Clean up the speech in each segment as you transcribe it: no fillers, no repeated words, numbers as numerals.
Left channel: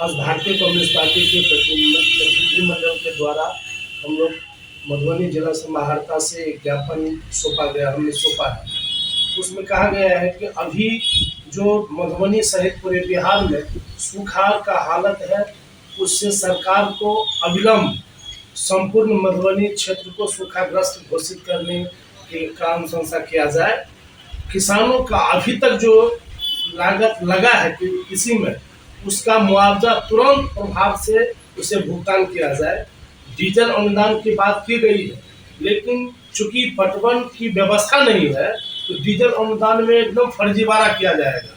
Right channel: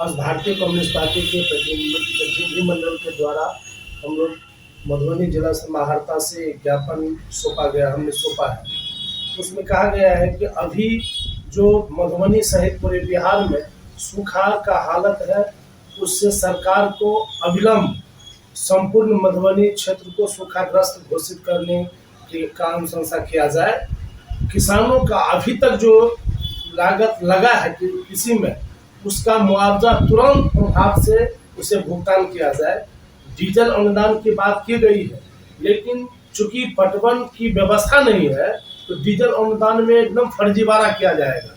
आज भारतीय communist party के प्रतिनिधिमंडल के द्वारा हम लोग मधुबनी जिला समाहर्ता से एक ज्ञापन हमने सौंपा है। उसमें कहा गया है कि अभी जो मधुबनी सहित पूरे बिहार में सुखाड़ का हालत है, उससे सरकार को अविलंब संपूर्ण मधुबनी क्षेत्र को सूखाग्रस्त घोषित करने का अनुशंसा किया जाए। किसानों का अभी तक जो लागत लगा है कि किसी में, उसका मुआवजा तुरंत प्रभाव से उसे भुगतान किया जाए। डीजल अनुदान की बात की गई है, लेकिन चूंकि पटवन की व्यवस्था नहीं है तो डीजल अनुदान में एकदम फर्जीवाड़ा किया जाएगा।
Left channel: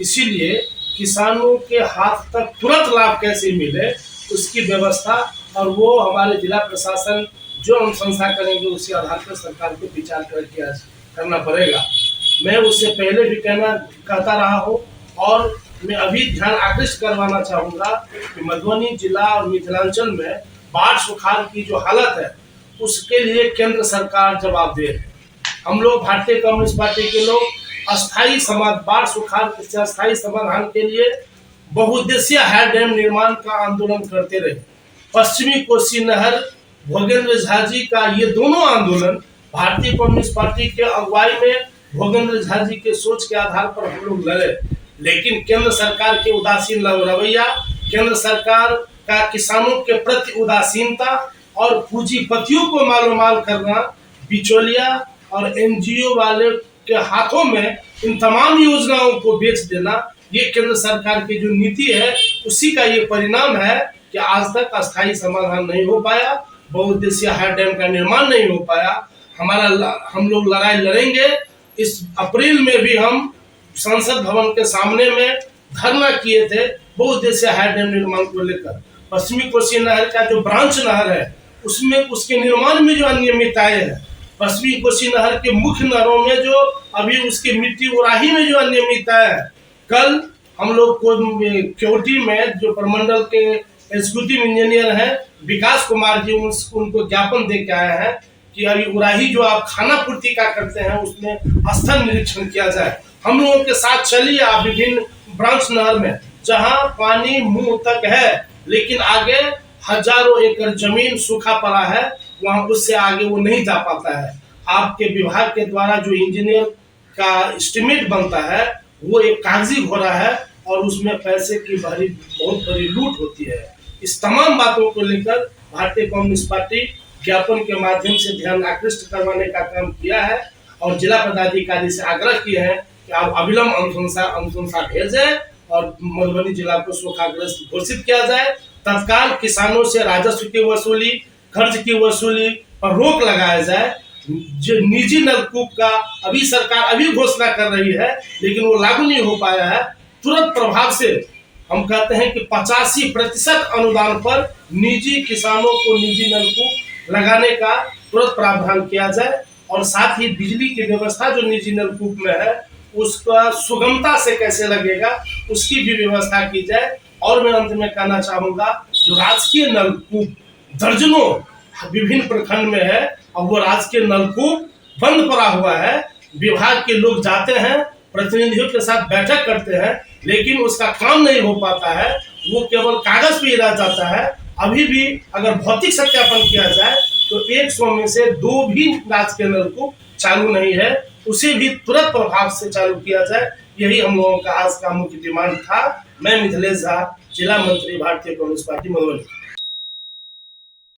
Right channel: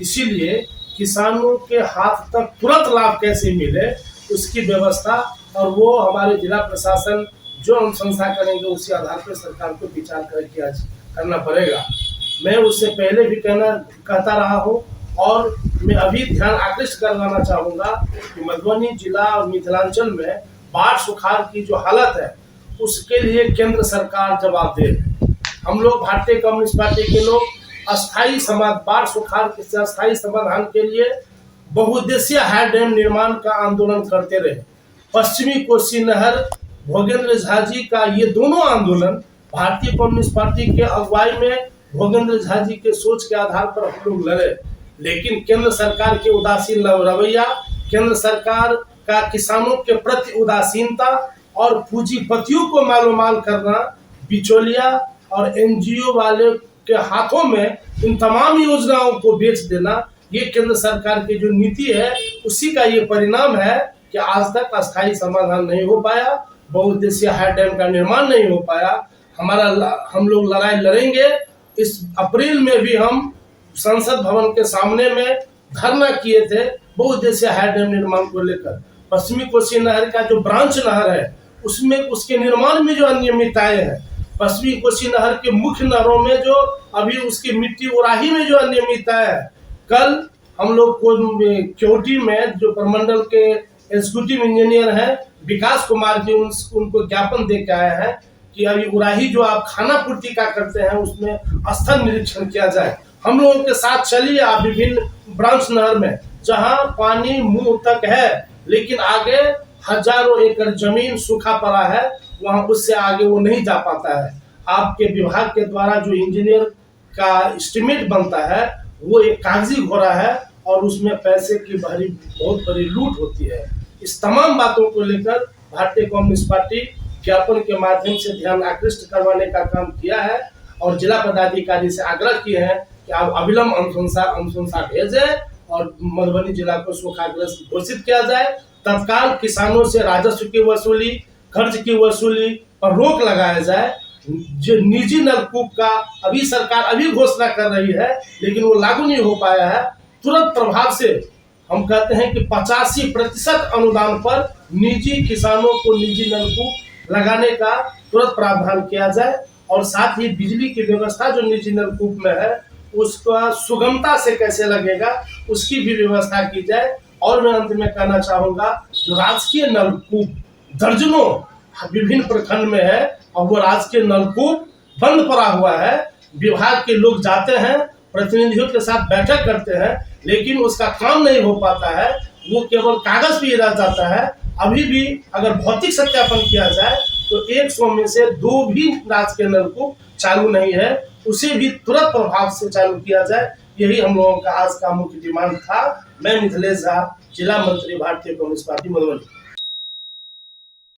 इसीलिए किसानों के हाथ तक तुरंत लाभ कैसे मिले, उसकी व्यवस्था और वो हमारे जिला प्रशासन जो अनुशंसा करेंगे उसी आधार पर सरकार को विचार करना पड़ेगा। मैं उससे पहले भी कहता रहा हूँ और मैं अभी ध्यान आकृष्ट करवाना चाहूँगा कि मधुबनी जिला और मिथिलांचल में बाढ़ सुखाड़ की जो हालत है उसके लिए केंद्र सरकार जवाबदेह है। हम लोग भारतीय कम्युनिस्ट पार्टी के लोग बाढ़ सुखाड़ के अस्थायी समाधान के लिए बहुउद्देशीय हाई डैम निर्माण का आंदोलन करते रहे। पश्चिमी कोसी नहर, भोगेंद्र झा जी का ये दोनों आंदोलन भारतीय कम्युनिस्ट पार्टी के अगुवाई में भोगेंद्र झा जी के सोच के आधार पर हम लोग लड़े, लेकिन केंद्र सरकार की उदासीन रवैया, केंद्र सरकार का किसानों के प्रति उदासीनता और पूंजीपतियों को मालोमाल करना, बिचौलिया और एनजीओ वाले के हाथों में इन तमाम योजनाओं को बेच देना, ये केंद्र सरकार की जो नीति है उसी का ये परिणाम है कि आज तक अस्थायी समाधान नहीं हो पाया, बहुउद्देशीय हाई डैम का निर्माण नहीं हो पाया। हम लोग लड़ाई लड़ेंगे। इस अप्रैल में भी हम संसद भवन के सामने में धरना किए थे बहुउद्देशीय हाई डैम निर्माण को लेकर। पश्चिमी कोसी नहर का जो ब्रांच नहर है उसमें उसके निर्माण में जो अनियमितताएं हैं, पश्चिमी कोसी नहर के मुख्य नहरों में जो अभी उसकी मिट्टी उड़ाही में जो अनियमितताएं है, कल हम लोग को क्योटी में जो प्रमंडल के एग्जीक्यूटिव इंजीनियर हैं विकास कुमार जी, उनको ज्ञापन दे के आए हैं कि अभी उड़ाही जो आप खाना पूर्ति का करते हैं उसमें स्थल निरीक्षण किया जाए। हम लोगों के साथ चलिए आप विभिन्न ब्रांच नहर में जहां पानी मुंह तक है लेकिन आगे हजारों एकड़ जमीन सूखा पड़ा है, वहां उससे आगे वो नहीं जा पाता है। आपके विभाग के द्वारा जो इंजीनियर का एस्टिमेट बनता है वो एक कागजी घोड़ा है और उसमें पैसे की बहुत बड़ी लूट होती है। इस तमाम बातों को लेकर भारतीय कम्युनिस्ट पार्टी ज्ञापन के माध्यम से ध्यान आकृष्ट करवाने का काम किया है और जिला पदाधिकारी से आग्रह किए हैं कि आप अविलंब अनुशंसा भेजें और मधुबनी जिला को सूखाग्रस्त घोषित किया जाए। तत्काल किसानों से राजस्व की वसूली, कर्ज की वसूली पर रोक लगाया जाए। जो निजी नलकूप का अभी सरकार घोषणा कर रही है लेकिन वो लागू नहीं हो पाया है। तुरंत प्रभाव से हम कहते हैं कि 85% अनुदान पर निजी किसानों को निजी नलकूप लगाने का तुरंत प्रावधान किया जाए और साथ ही बिजली की व्यवस्था जो निजी नलकूप में है उसका सुगमता से कैसे लगेगा उसकी भी व्यवस्था की जाए। और मैं अंत में कहना चाहूँगा, जो राजकीय नलकूप दर्जनों विभिन्न प्रखंड में है और वो राजकीय नलकूप बंद पड़ा हुआ है, विभाग के लोग जाते हैं, प्रतिनिधियों के साथ बैठक करते हैं, लेकिन उसका काम नहीं हो पाता है, वो केवल कागज पे रह जाता है। अभी भी अगर भौतिक सत्यापन किया जाए तो 100 में से 2 भी राजकीय नलकूप चालू नहीं है, उसे भी तुरंत प्रभाव से चालू किया जाए। यही हम लोगों का आज का मुख्य डिमांड था। मैं मिथिलेश झा, जिला मंत्री भारतीय कम्युनिस्ट पार्टी मधुबनी।